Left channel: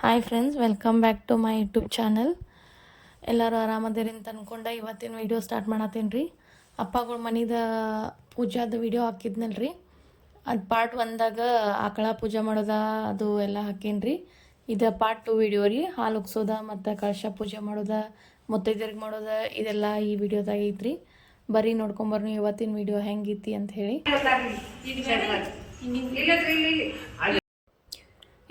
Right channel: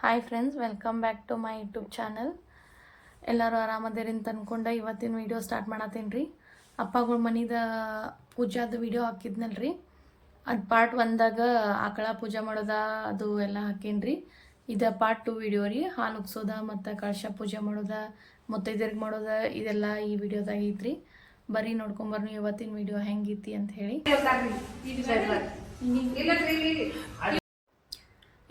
Hi friends, welcome back to my YouTube channel. ಎಲ್ಲರೂ ಆರಾಮದಿರಿ ಅಂತ ಅಂದ್ಕೊಂಡೆ ಇವತ್ತಿನ ವೀಡಿಯೋ ಸ್ಟಾರ್ಟ್ ಮಾಡತ್ತೀನಿ ರೀ. ಅಪ್ಪಗಳ ಮನಿದ ಪೂಜಾದ ವೀಡಿಯೋ ಹಾಕಿದ್ನಲ್ಲ ರೀ, ಅದು ಪಾರ್ಟ್ 1ದಾಗ ಆಕಳ ಪೂಜೆ ಮಾಡೋದ ಅದು ಎಲ್ಲ ಹಾಕೀನಿ ರೀ. ಇದು ಪಾರ್ಟ್ 2 ವೀಡಿಯೋ ರೀ. ಹಾಲು ಉಗ್ಸೋದ ಮತ್ತು ಕಳಶ ಪೂಜೆ ಮಾಡೋದ, ಮುತ್ತೈದೆಯರಿಗೆ ಮಾಡೋದ, ಇದೆಲ್ಲ ಈ ವಿಡಿಯೋದಾಗ ಐತ್ರಿ. ಬರೀ ನೋಡ್ಕೊಂಬರ್ನಿ ಇವತ್ತಿನ ವೀಡಿಯೋ ಹೆಂಗೈತಿ ಅಂತ ಹೇಳಿ.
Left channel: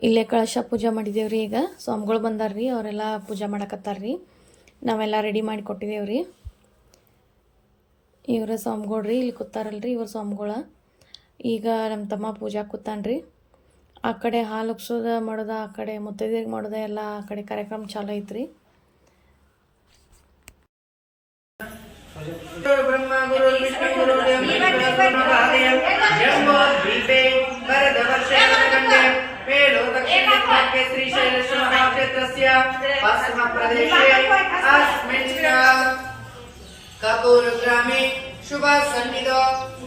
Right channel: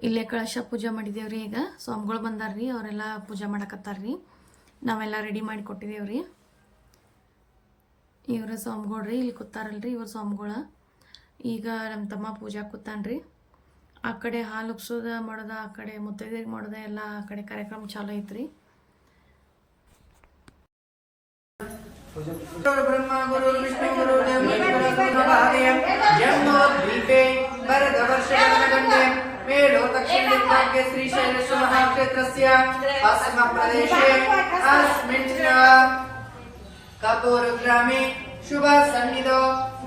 ಇಲ್ಲೇ ಕಳಶ ಪೂಜೆ ಮಾಡಿದೇವ್ರಿ. ಈಗ ಸ್ವಾಮಿಗಳು ಬಂದಾರ್ರಿ, ಅವರೆಲ್ಲ ಪೂಜೆ ಮಾಡಕತ್ತಾರ್ರಿ. ನಾವೆಲ್ಲ ರೆಡಿ ಮಾಡಿ ಕೊಟ್ಟಿದ್ದೇವ್ರಿ. ಇವ್ರ ಸ್ವಾಮಿಗಳ್ರಿ, ಇಲ್ಲಿ ಕೂತಾರಲ್ರಿ ಇವ್ರ ಸ್ವಾಮಿಗಳ. ಈಗ ನಮ್ಮ ತಮ್ಮ ಪೂಜಾ ಕೂತಾನ್ರಿ. ಆ ಕಡೆ ಹಾಲು ಉಗ್ಸೋದ ಮಾಡೋದ, ಆ ಕಡೆ ಮುತ್ತೈದೆಯರಿಗೆ ಮಾಡೋದ ಎಲ್ಲ ಆ ಕಡೆ ಕಾರ್ಯಕ್ರಮ ಚಾಲು ಐತ್ರಿ. कपूरग्रामे शुभ सन्निधो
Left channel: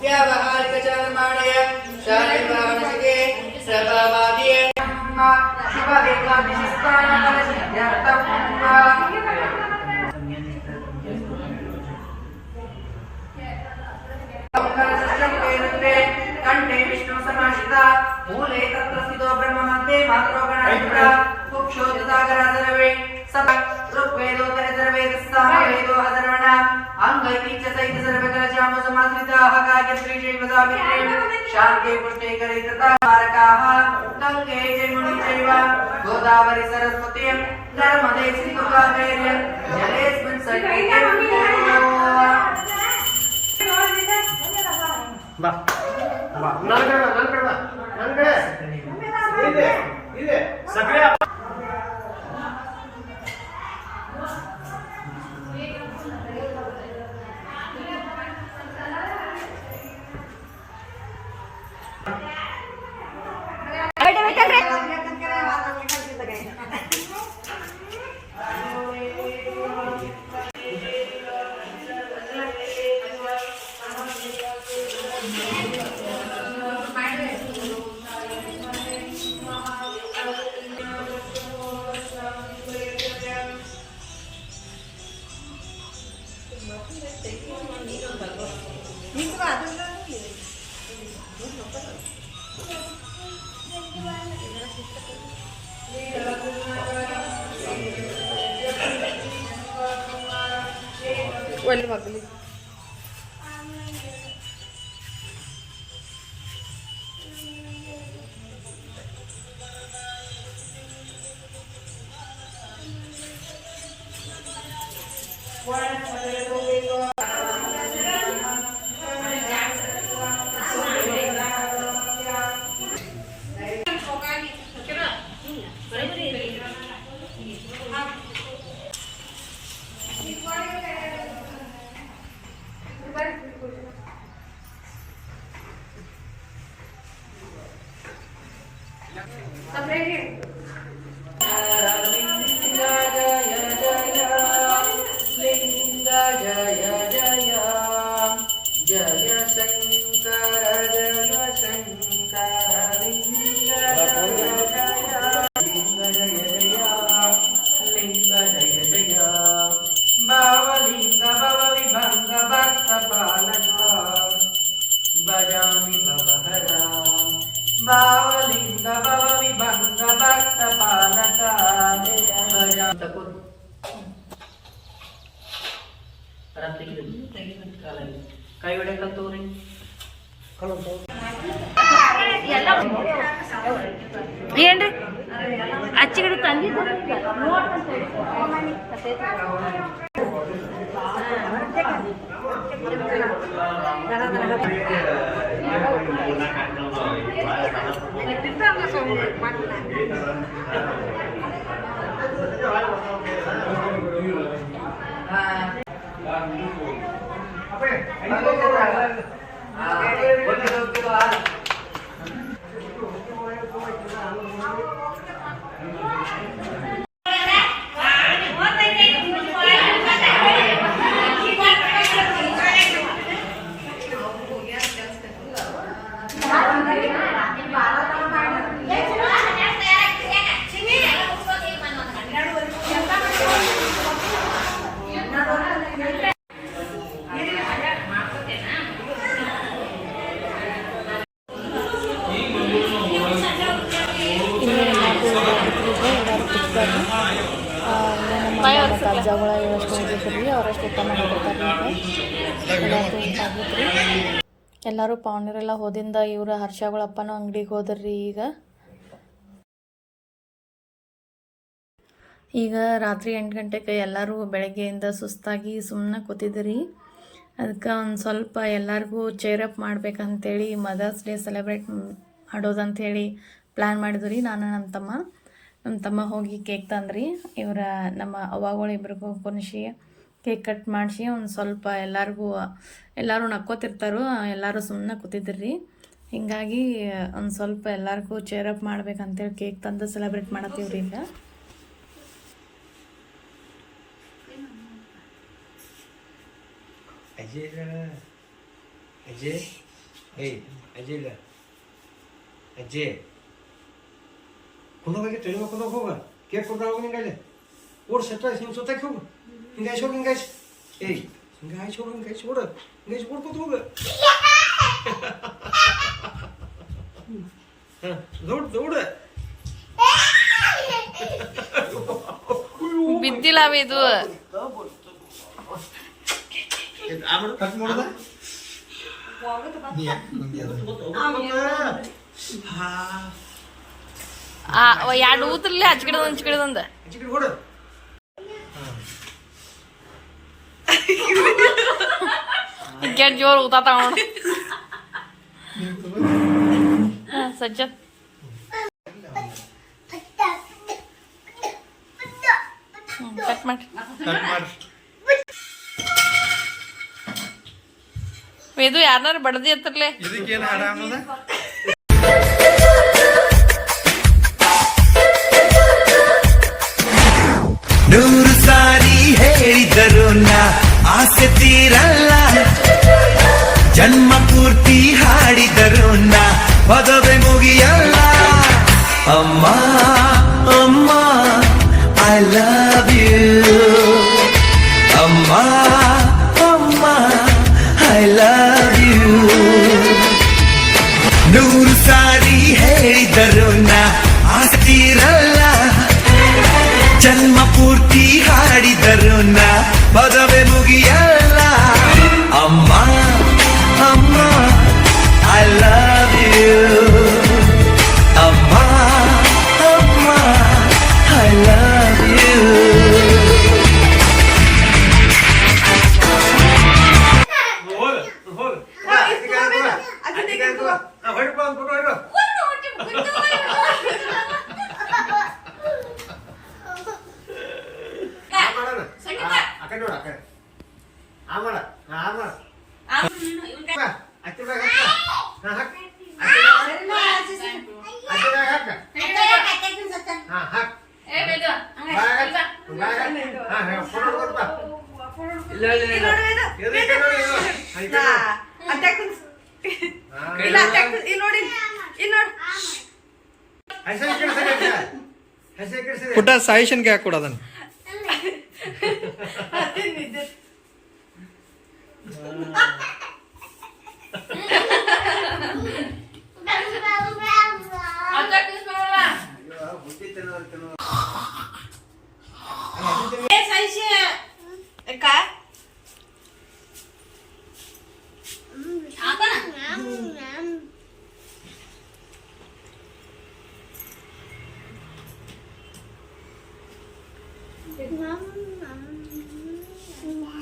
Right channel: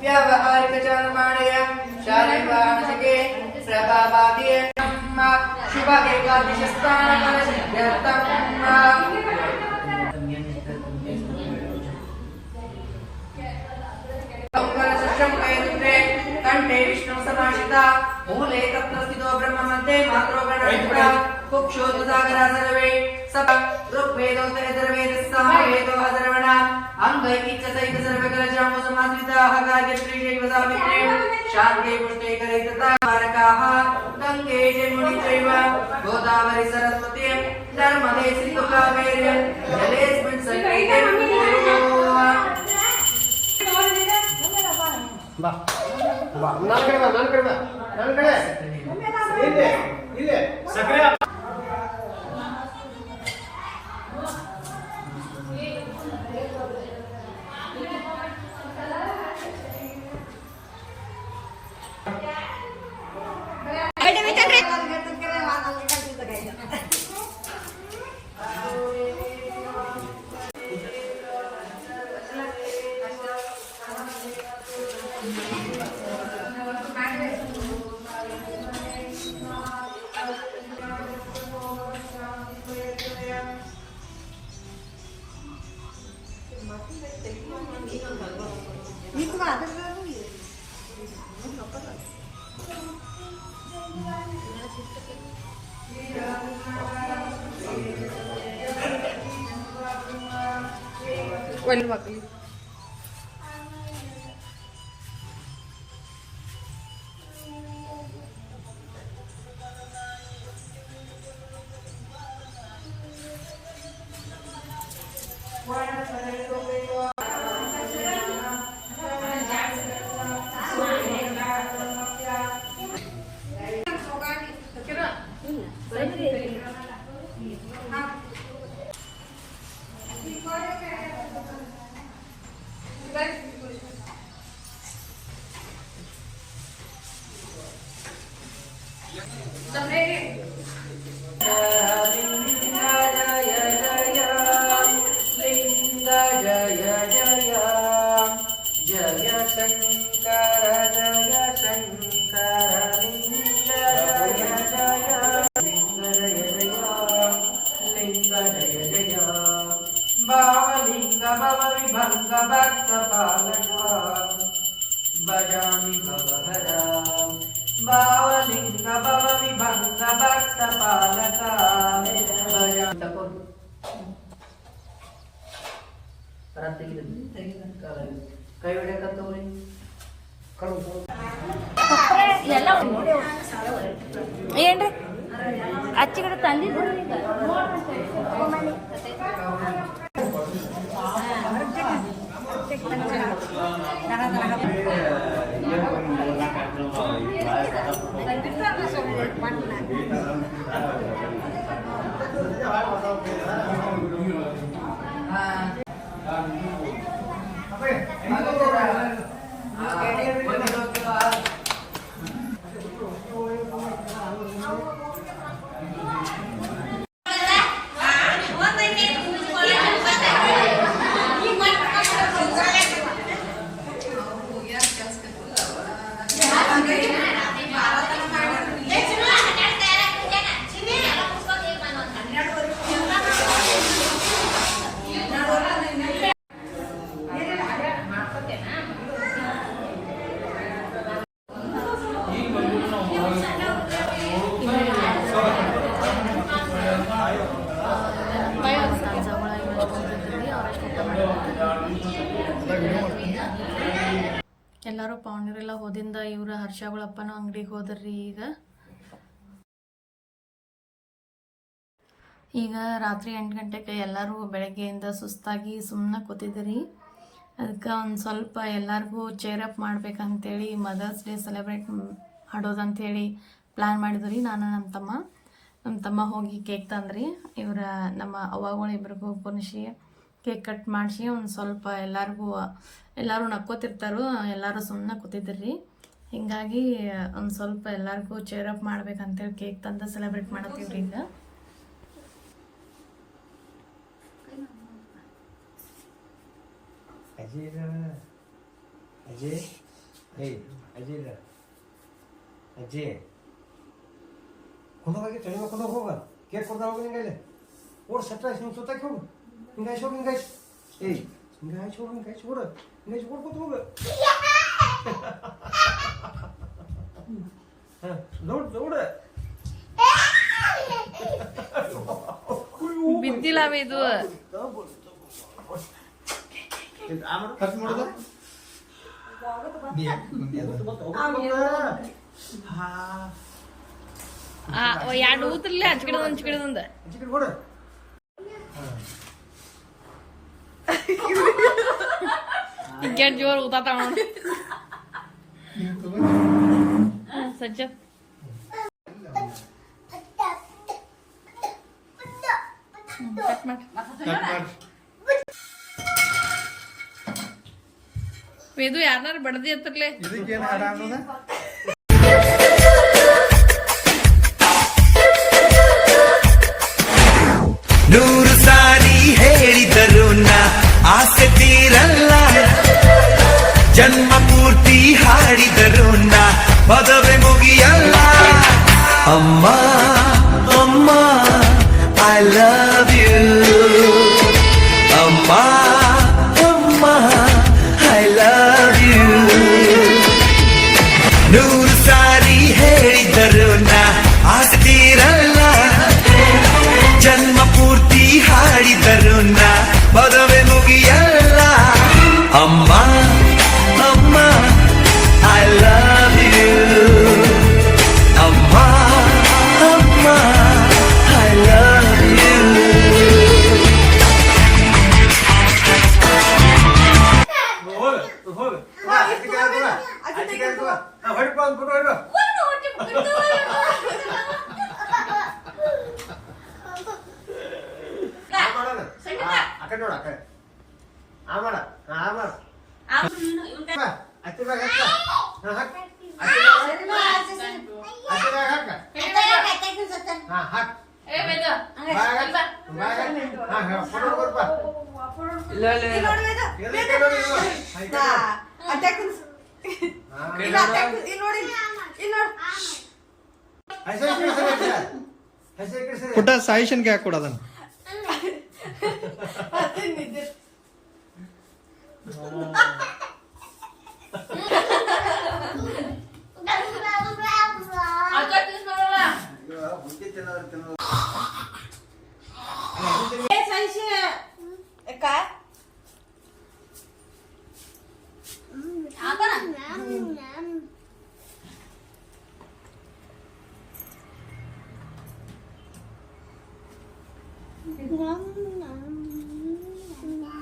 व्यावहारिक चंद्रमाणय शालिग्राणके प्रभावादिये शुभ विप्लविष्टान कलशयर्थम कंठे विष्णु सनाशिता मूले तत्र स्थितो ब्रह्म मध्ये मात्रो गणाधिपः कुक्षो सागरा सर्वे सब ऋग्वेदोत्तर सर्वेदः सामवेदो अधराणाम् अंगैः च सहित सर्वकलशामो समाश्रिताः गायत्रीशैव सावित्री शान्ति पुष्टे करितता कारकाः गङ्गे यमुने चैव गोदावरी सरस्वती नर्मदे सिन्धु कावेरी जलेऽस्मिन् सन्निधौ ಬಾ ನನ್ನ ಕಡೆ ಬಾ ಇದೆ ಸಕ್ಕರೆ ಒಂದು ಮಕ್ಕಳು भजामि भवहरा भावलिंग भव विभंग भक्त पालका भजामि ಕೈ ಹೊಡೆಯಕತ್ತವ್ರಿ ಏನ್ರಿ ಅಚ್ಚಿಗಡೆ ತಂದಿದ್ರಿ. ಪಿಜ್ಜಾಗಳ ಇವಷ್ಟು ಹೋಗಿದ್ರಿ ಅವರಷ್ಟು ಊಟ ಮಾಡಿರ್ತಾರೆ. ಎಲ್ಲರೂ ಪಾವನರೆಲ್ಲ ಹೋದಿಂದ ಇವ್ರ ಹರ್ಷಗಳ ಅಪ್ಪನೂ ಅಂಗಡಿಗೆ ಹೋದ್ರಿ. ಈಗ ರಾತ್ರಿ 8 ಗಂಟೆಗೆ ಎಲ್ಲರೂ ಬೆಳಗ್ಗೆಯಿಂದ ಸುಸ್ತಾಗಿ ಸುಮ್ಮನೆ ಕೂತಿದ್ರಿ. ಅದಕ್ಕೆ ಒಂದು ಸ್ವಲ್ಪ ಎಲ್ಲರಿಗೂ ಚೇರಪ್ ಮಾಡ್ಬೇಕಂತೇಳಿ ಮದರ್ಸ್ ಡೇ ಸೆಲೆಬ್ರೇಟ್ ಮಾಡೋದಂಥೇಳಿ ಪ್ಲ್ಯಾನ್ ಮಾಡಿದ್ರಿ. ನಾನು ನಮ್ಮ ತಮ್ಮ ಹೋಗಿ ಕೇಕ್ ತಂದ್ರಿ. ಇವರ ನಮ್ಮ ಅವ್ವಗಳು ಇಬ್ರಿಗೂ ಕುಣಿಸಿ ಕೇಕ್ ಕಟ್ ಮಾಡಿಸಿ ಒಂದು ಸ್ವಲ್ಪ ಎಲ್ಲರೂ ನಕ್ಕೋತಿರ್ತಾರೋ, ಎಲ್ಲರೂ ಸುಮ್ಮನೆ ಕೂತಿದ್ರಿ. ಹೀಗಾಗಿ ಒಂದು ಸ್ವಲ್ಪ ಎಲ್ಲರಿಗೂ ಚೇರಪ್ ಮಾಡ್ಬೇಕಂತೇಳಿ ಕೇಕ್ ತಂದು ಸೆಲೆಬ್ರೇಟ್ ಮಾಡತ್ತೀವ್ರಿ. ಈಗ ಅಜಯ್ ಇಲ್ಲ ಅಜ್ಜಿ ಕುಂದೋಗಿ ಟ್ರೈನ್ ಕುಂದೋಗಿ ಹೋಗ ಕೇಕ್ ಕೊಡ್ತಾವ ಹಿಂಗೈಲೆ ಓಡ್ ಸೆಟ್ಟ ಹಿಂಗೆ ಸುತ್ತಕ್ಕೆ ಹೋಗು ಹಿಂಗಾಯ್ಸಿ ಹೋಗಿ ಹಿಂಗಾಯ್ಸಿ ಹಿಂಗಾಯ್ಸಿ ಹೋಗಿ ಹಿಂಗಾಯ್ಸಿ ಓಡ ಹಿಂಗಾಯ್ಸಿ ಕೊಡ್ಕೋತ ಹೋಗ ದೌಡ ಬಿದ್ದಿಲ್ಲ ಇದು ಕಟ್ ಮಾಡೋದ ಎರಡು ಊದ್ರಲ್ಲೇ ಹಚ್ಕಿಡೊಂದು ಕೆಟ್ಟ ಜೋರು ಊತ ತಗೊಂಡು ಸಜ್ಜ ಕಟ್ ಮಾಡಿ ಇದು ಯಾರನ್ನಾರು ಬಡದಿ ಹತ್ತಿರ್ಲೆ ಇದಕ್ಕೇನು ಹಾಡ ಅನ್ನೋದ ನೂರು ಸಾರಿ ಹೇಳಿದರು ನಾ ಆಸೆ ತೀರಲ್ಲ, ಜನ್ಮ ಪೂರ್ತಿ ಹಾಡಿದರು ನಾ ಪದವೇ ಮುಗಿಯಲ್ಲ. ಅಮ್ಮ ಅಮ್ಮ ಐ ಲವ್ ಯು, ಅಮ್ಮ ಅಮ್ಮ ಐ ಲವ್ ಯು. ನೂರು ಸಾರಿ ಹೇಳಿದರು ನಾ ಆಸೆ ತೀರಲ್ಲ, ಜನ್ಮ ಪೂರ್ತಿ ಹಾಡಿದರು ನಾ ಪದವೇ ಮುಗಿಯಲ್ಲ. ಅಮ್ಮ ಅಮ್ಮ ಐ ಲವ್ ಯು, ಅಮ್ಮ ಅಮ್ಮ ಐ ಲವ್ ಯು. ಪುಟ್ಟ ಸಾಯಿಷನ್ಗೆ ಹಾಕಿ ಕೊಡೋದನ್ನ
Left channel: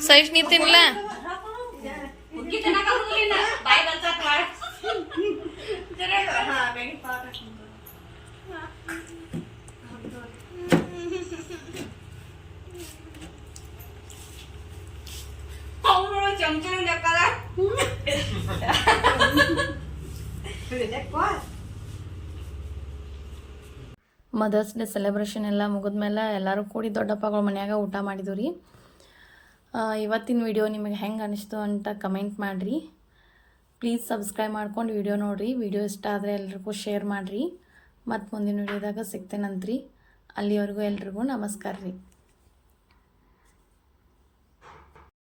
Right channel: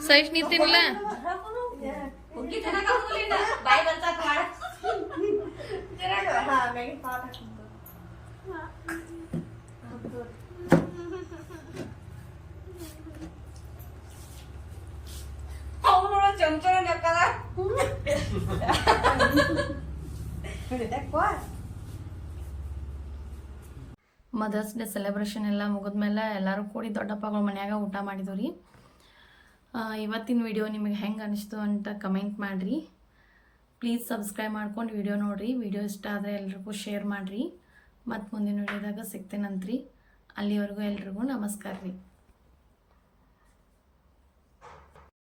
ಸೈಜ್ ನೀ ತಿನ್ಲ ಮದರ್ಸ್ ಡೇ ಸೆಲೆಬ್ರೇಷನ್ ಎಲ್ಲ ಮುಗಿದ್ಮೇಲೆ ಎಲ್ಲರೂ ಕೂಡಿ ದೊಡ್ಡಪ್ಪಗಳ ಮನ್ಯಾಗ ಊಟ ಮಾಡಿದ್ವಿ ರೀ. ಇವತ್ತಿನ ವಿಡಿಯೋ ನಿಮಗೆ ಹೆಂಗೆ ಅನಿಸ್ತು ಅಂತ ಕಮೆಂಟ್ ಮಾಡಿರಿ. ಪ್ಲೀಸ್ ಸಬ್ಸ್ಕ್ರೈಬ್ ಮಾಡ್ಕೊಂಡು ವಿಡಿಯೋ ನೋಡಿರಿ. ವಿಡಿಯೋ ಇಷ್ಟ ಆದರೆ ಎಲ್ರಿಗೂ ಶೇರ್ ಮಾಡಿರಿ. ಮತ್ತು ಮುಂದಿನ ವಿಡಿಯೋದಾಗ ಸಿಗ್ತೇನಂತ್ರಿ. ಅಲ್ಲಿವರೆಗೂ ಎಲ್ರಿಗೂ ನಮಸ್ಕಾರ ರೀ.